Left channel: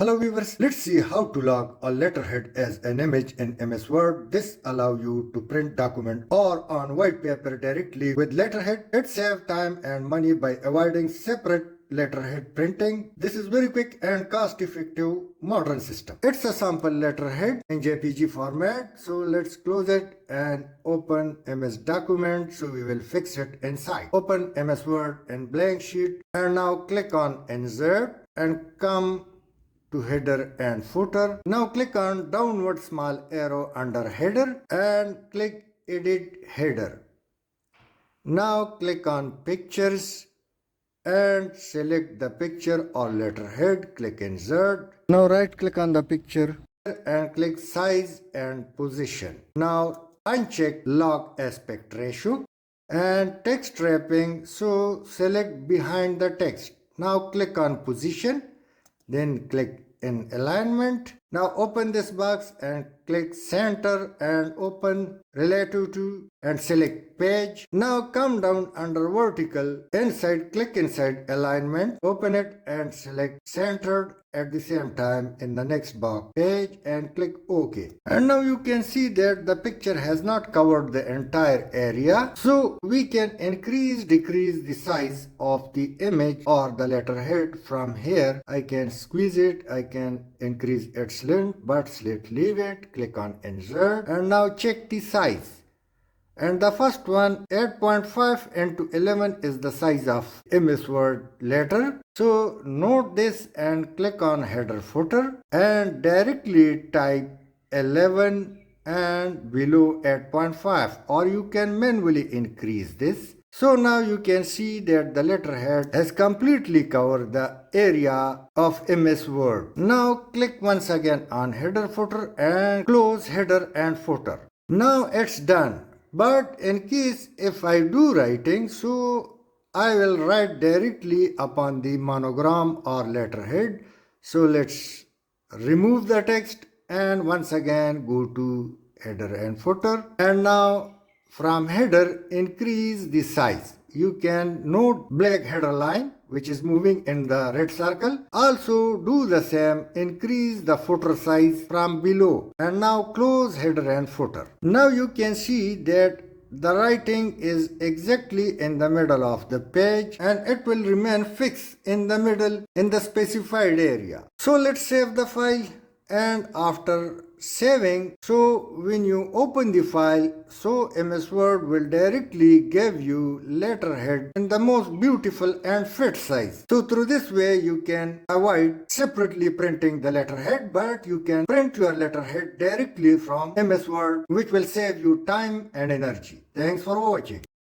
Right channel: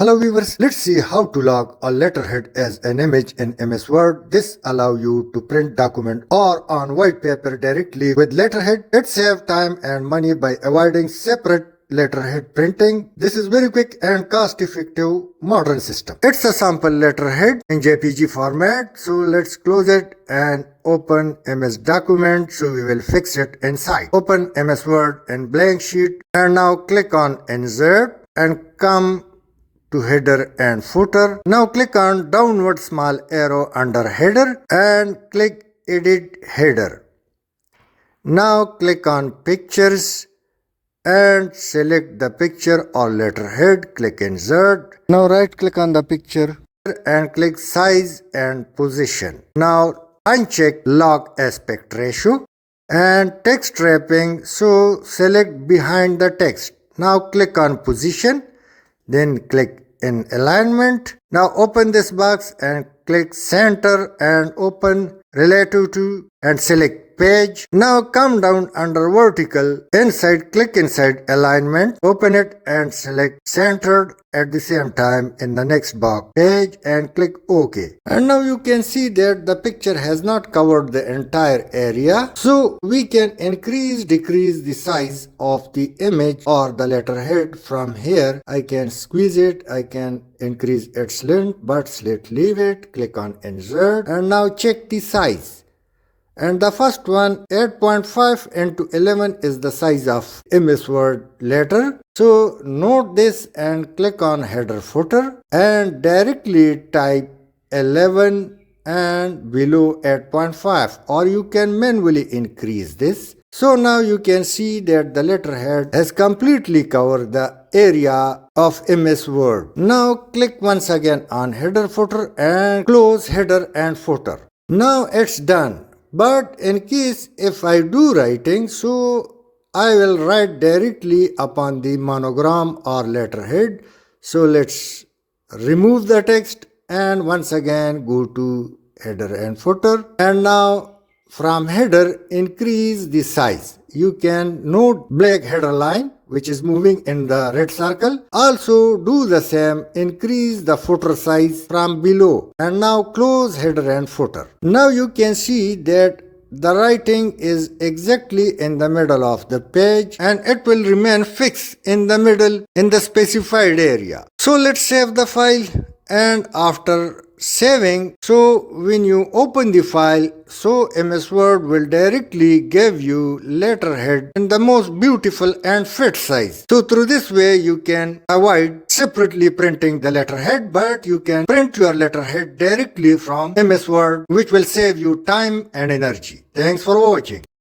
Hello viewers, let's see how to log a letterhead as an image in MS Word. This allows you to print document or on white paper directly with letterhead. It saves time and money by avoiding separate letterhead printing. This is very quick and cost-effective modern system. It's a sample letterhead in JPG format. So let's close it and open MS document. So we will fix it inside. Open MS Word in blank sheet and now click on insert and come to header and footer. Now click on downward small arrow under header and click edit header. Now click on pictures and select the picture or letterhead. Click insert. Now right click on the picture and click size and position. Now uncheck log aspect ratio and text wrapping. So select behind the text. Now click on position. Then click in alignment. Now open this box and click center and open relative to and select page. Now come down under vertical. Inside, click inside alignment. Open it and select centered at the same time in the next box page and click OK. And now you can see that the picture has not covered the entire area. So we can increase, decrease the size of the image or the letterhead from here. I can squeeze it. I can increase its length, but let's leave it. Click on insert and now check the size. And the first one, 8.5 into 11 is the size of MS Word letter. So note this and click on header footer and directly type 11 and below 8.5, or you can manually increase this. So now you can see that the letterhead has completely covered the area of MS Word. Now click once again on header footer and close header and footer. Now it's done. But in case if I do writing, so I will write directly upon the monogram or letterhead. So let's remove the text and once again go to header and footer. And now from header, increase the size. You can note black header line which is moving in the red circle. Also do the same, increase the footer size from below. And now close header and footer. Now you can see that the writing is exactly in the middle of the page and it will remain fixed in the middle in the specified area. So let's save the file, and after saving, so when you open the file, so MS Word will directly give you letterhead in the most beautiful and fit size. So through this way you can avoid separately printing the letterhead, but you can print your letterhead directly from MS Word, which will save you time and energy. Thanks for watching.